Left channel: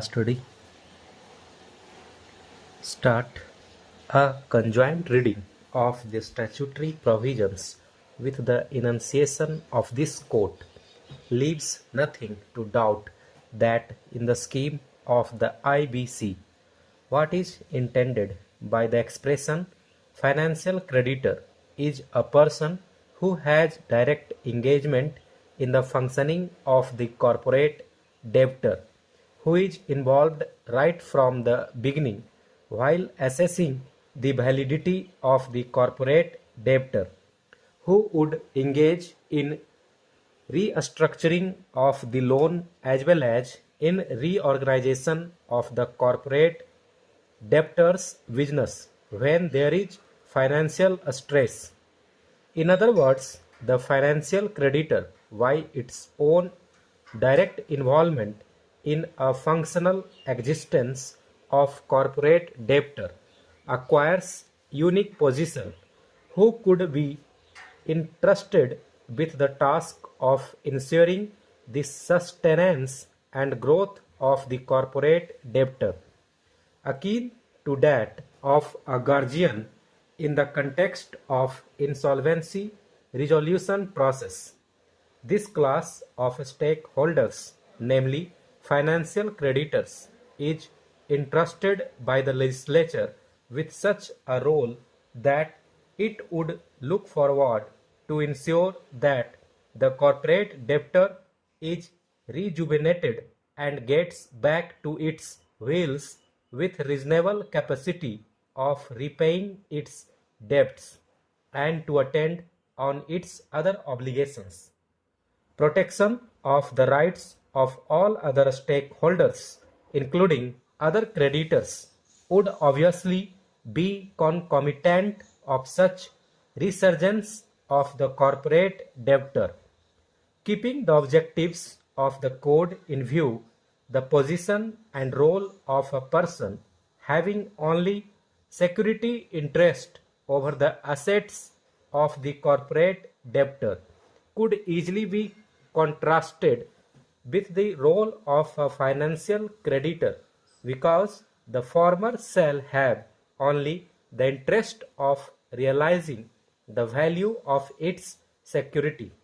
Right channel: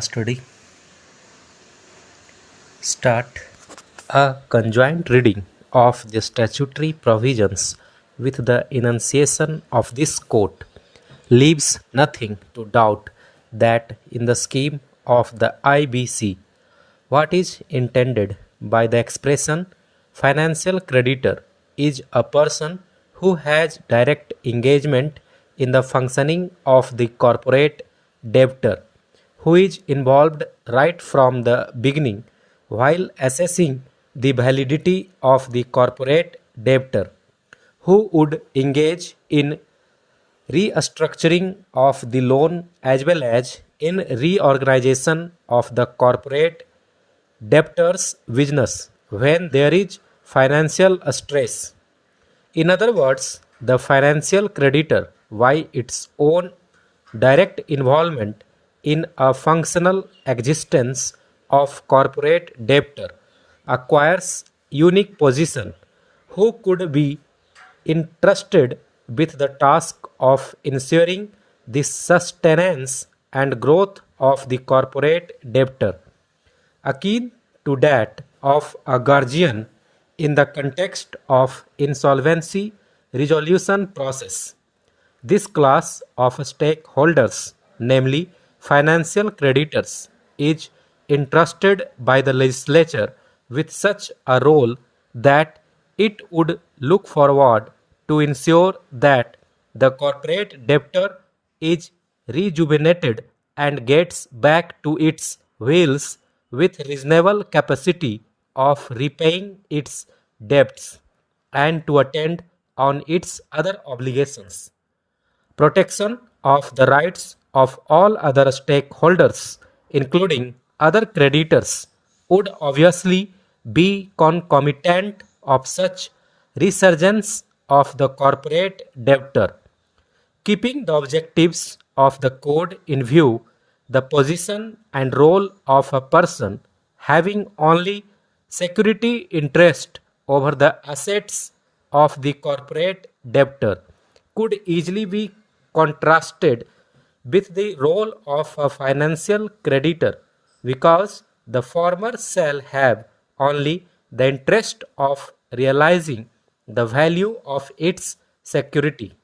study. Start a conjoint reading of the statutory provisions with the enunciation of this court leaves nothing to doubt that in the scheme of the IBC, what is intended by the expression financial creditor is a person who has direct engagement in the functioning of the corporate debtor, who is involved right from the beginning while assessing the validity of the corporate debtor, who would engage in restructuring of the loan as well as in reorganization of the corporate debtor's business when there is financial stress. In other words, the financial creditor, by its own direct involvement in a functional existence of corporate debtor, acquires unique position who could be entrusted with the task of ensuring the sustenance and growth of the corporate debtor, akin to that of a guardian in the context of insolvency resolution process. This class of stakeholders, namely financial creditors, is entrusted by the legislature with such a role that it would look forward to ensure that the corporate debtor is rejuvenated and gets back to its wheels with reasonable capacity of repaying its debts and to attend on its other obligations. Protection of the rights of all other stakeholders, including other creditors, would obviously be concomitant of such resurgence of the corporate debtor. Keeping the objectives of the code in view, the position and role of a person having only security interest over the assets of the corporate debtor could easily be contrasted with the role of a financial creditor because the former shall have only the interest of realizing the value of its security,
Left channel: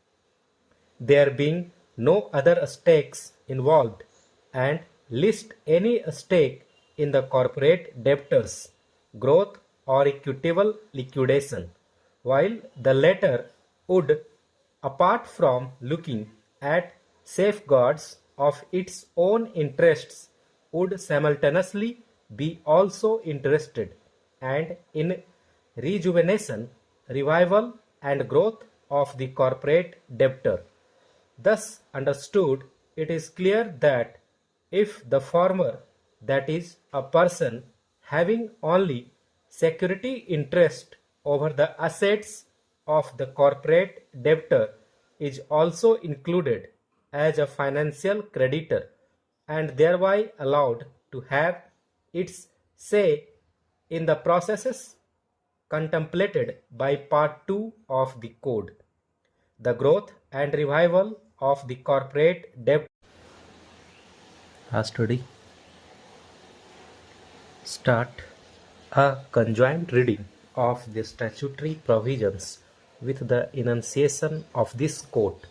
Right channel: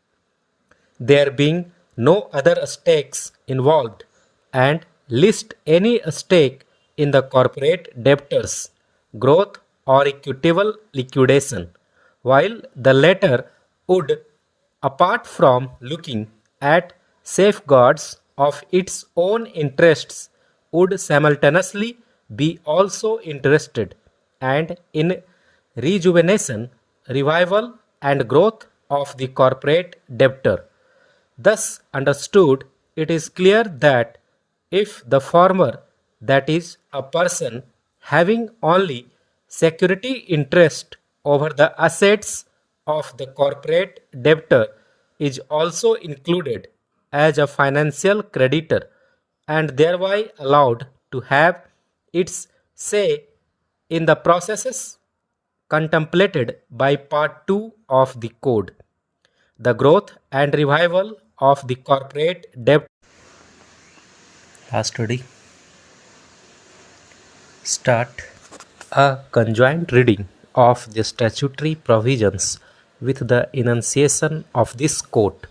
there being no other stakes involved, and list any stake in the corporate debtors' growth or equitable liquidation, while the latter would, apart from looking at safeguards of its own interests, would simultaneously be also interested and in rejuvenation, revival, and growth of the corporate debtor. Thus understood, it is clear that if the former, that is, a person having only security interest over the assets of the corporate debtor, is also included as a financial creditor and thereby allowed to have its say in the processes contemplated by Part 2 of the Code, the growth and revival of the corporate debt. Study. Start a conjoint reading of the statutory provisions with the enunciation of this court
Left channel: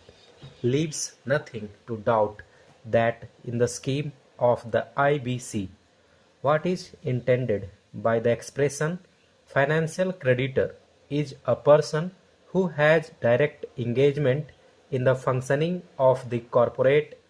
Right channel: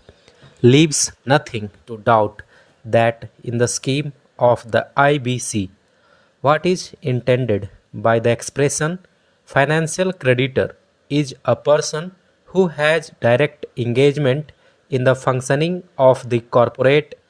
leaves nothing to doubt that in the scheme of the IBC, what is intended by the expression financial creditor is a person who has direct engagement in the functioning of the corporate